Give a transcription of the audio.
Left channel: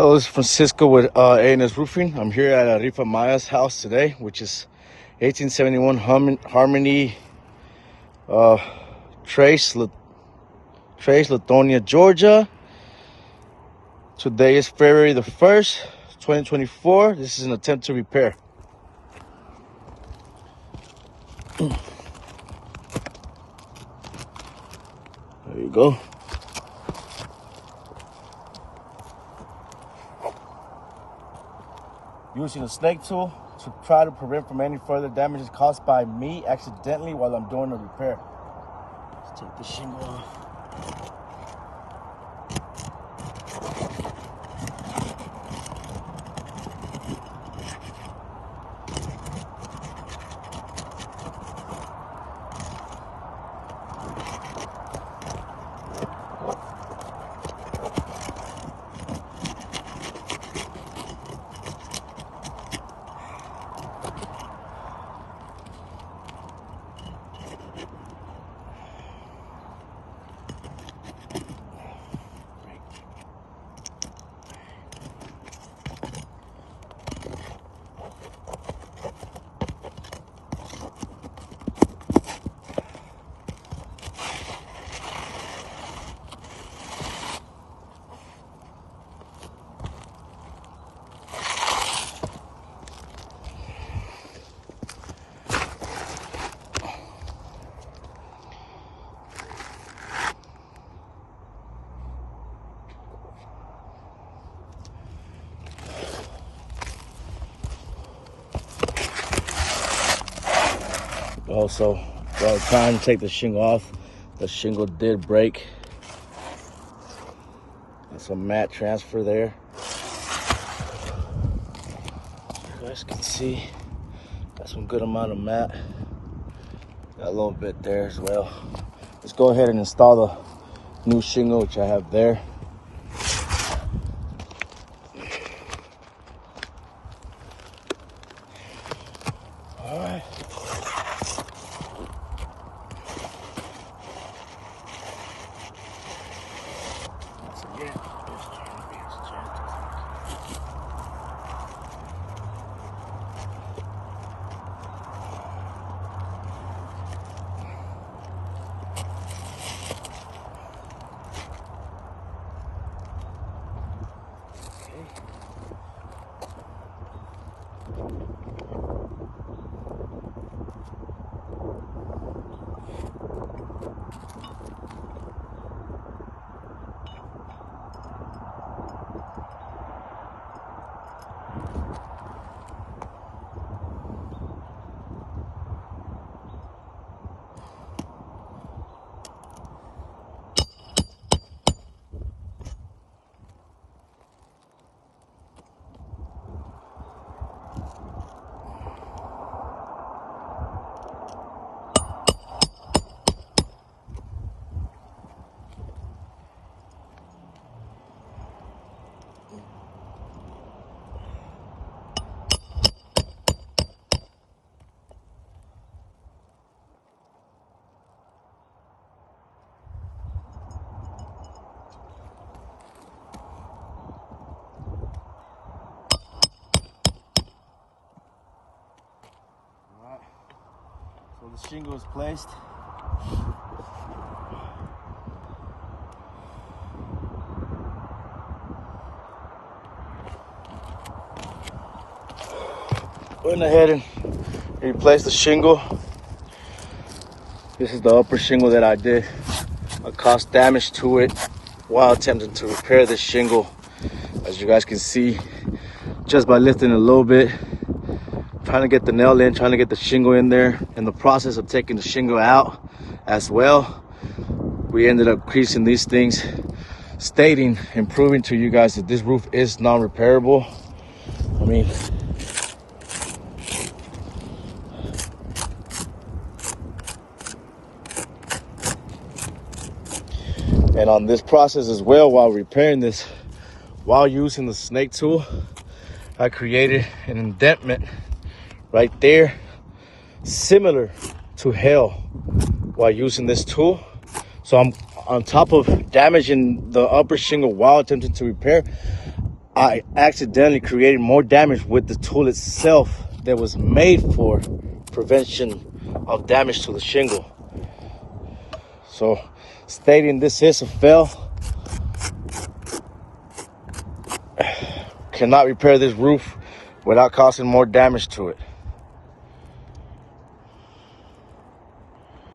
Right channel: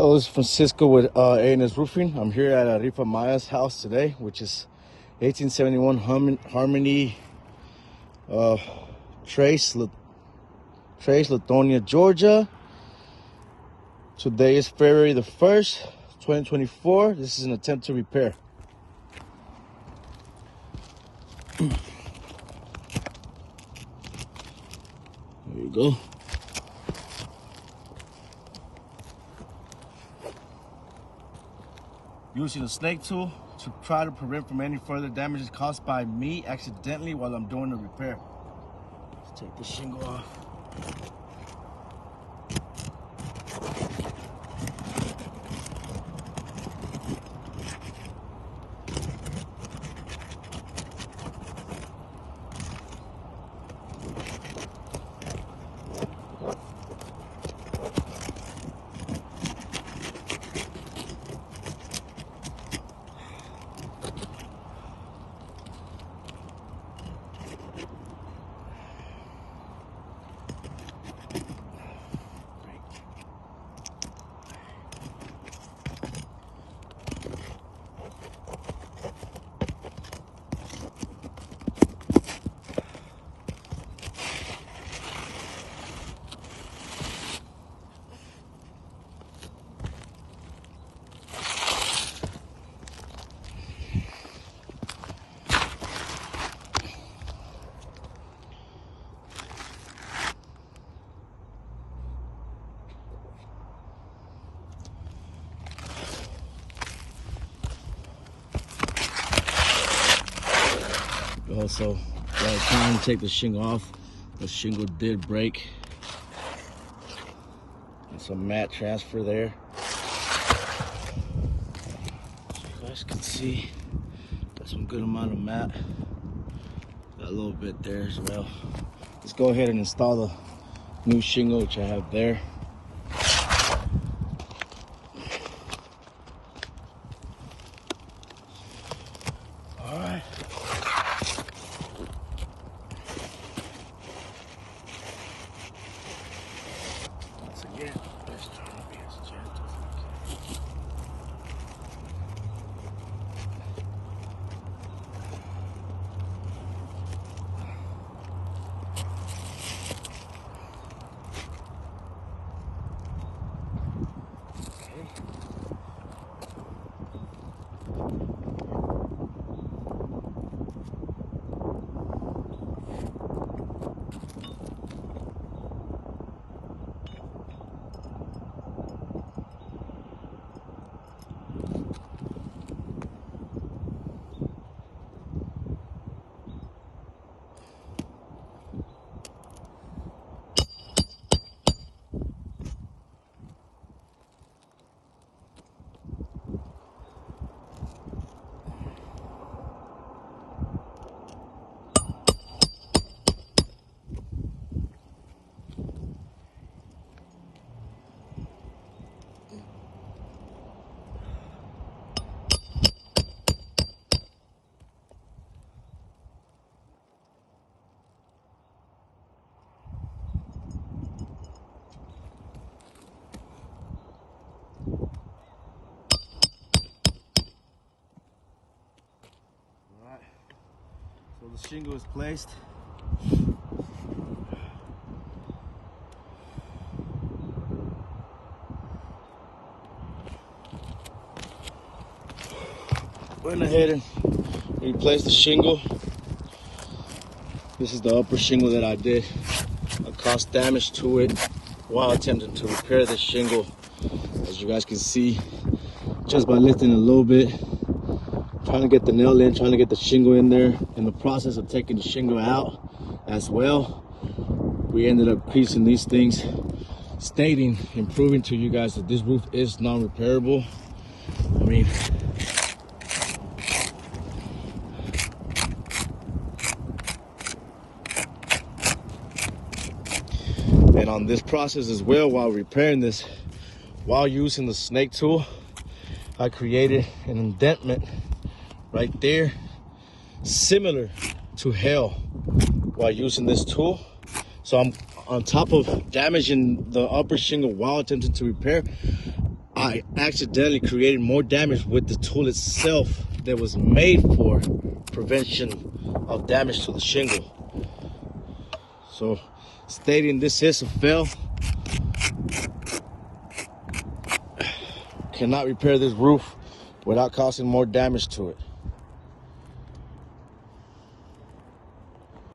Hello, this is Francisco with A&S Roofing. I'm here at Arefa Amaya's house today, which is 1871 Harmony Trace, Lithonia, Georgia. Today is February the 1st, 2024. This is an attempt to repair. There you go. Using a snake tool to try to prevent from any further damages caused by me accidentally while I'm doing the repair. Let's take the shingle off. Also, while trying to take the shingle off, the shingle did break. And some mat transfer there. As you guys can see, got some good amount of mat. Got a little bit there as well. Let's go ahead and install the new shingle, which I have there. All right. So the shingle is placed. Went ahead and replaced the shingle. This is the upper shingle that I did. I caused damage to it while attempting to repair this shingle. As you guys can see, just by lifting a little bit, trying to get the nail in, trying to get the shingle in there. In the process of taking the shingle out as well, we ended up creasing these things, stating and proving to you guys that this roof is non-repairable. I mean, and on this process as well, while repairing this, while using the snake tool, I created an indentation right there, similar to hell, while using this tool. So I'm on top of damaging the upper shingle while attempting to repair, I accidentally created more damage with the tool itself that was made for prevention of damage to the shingle. So, stating this is a fail. Cannot repair this roof without causing more damage to it.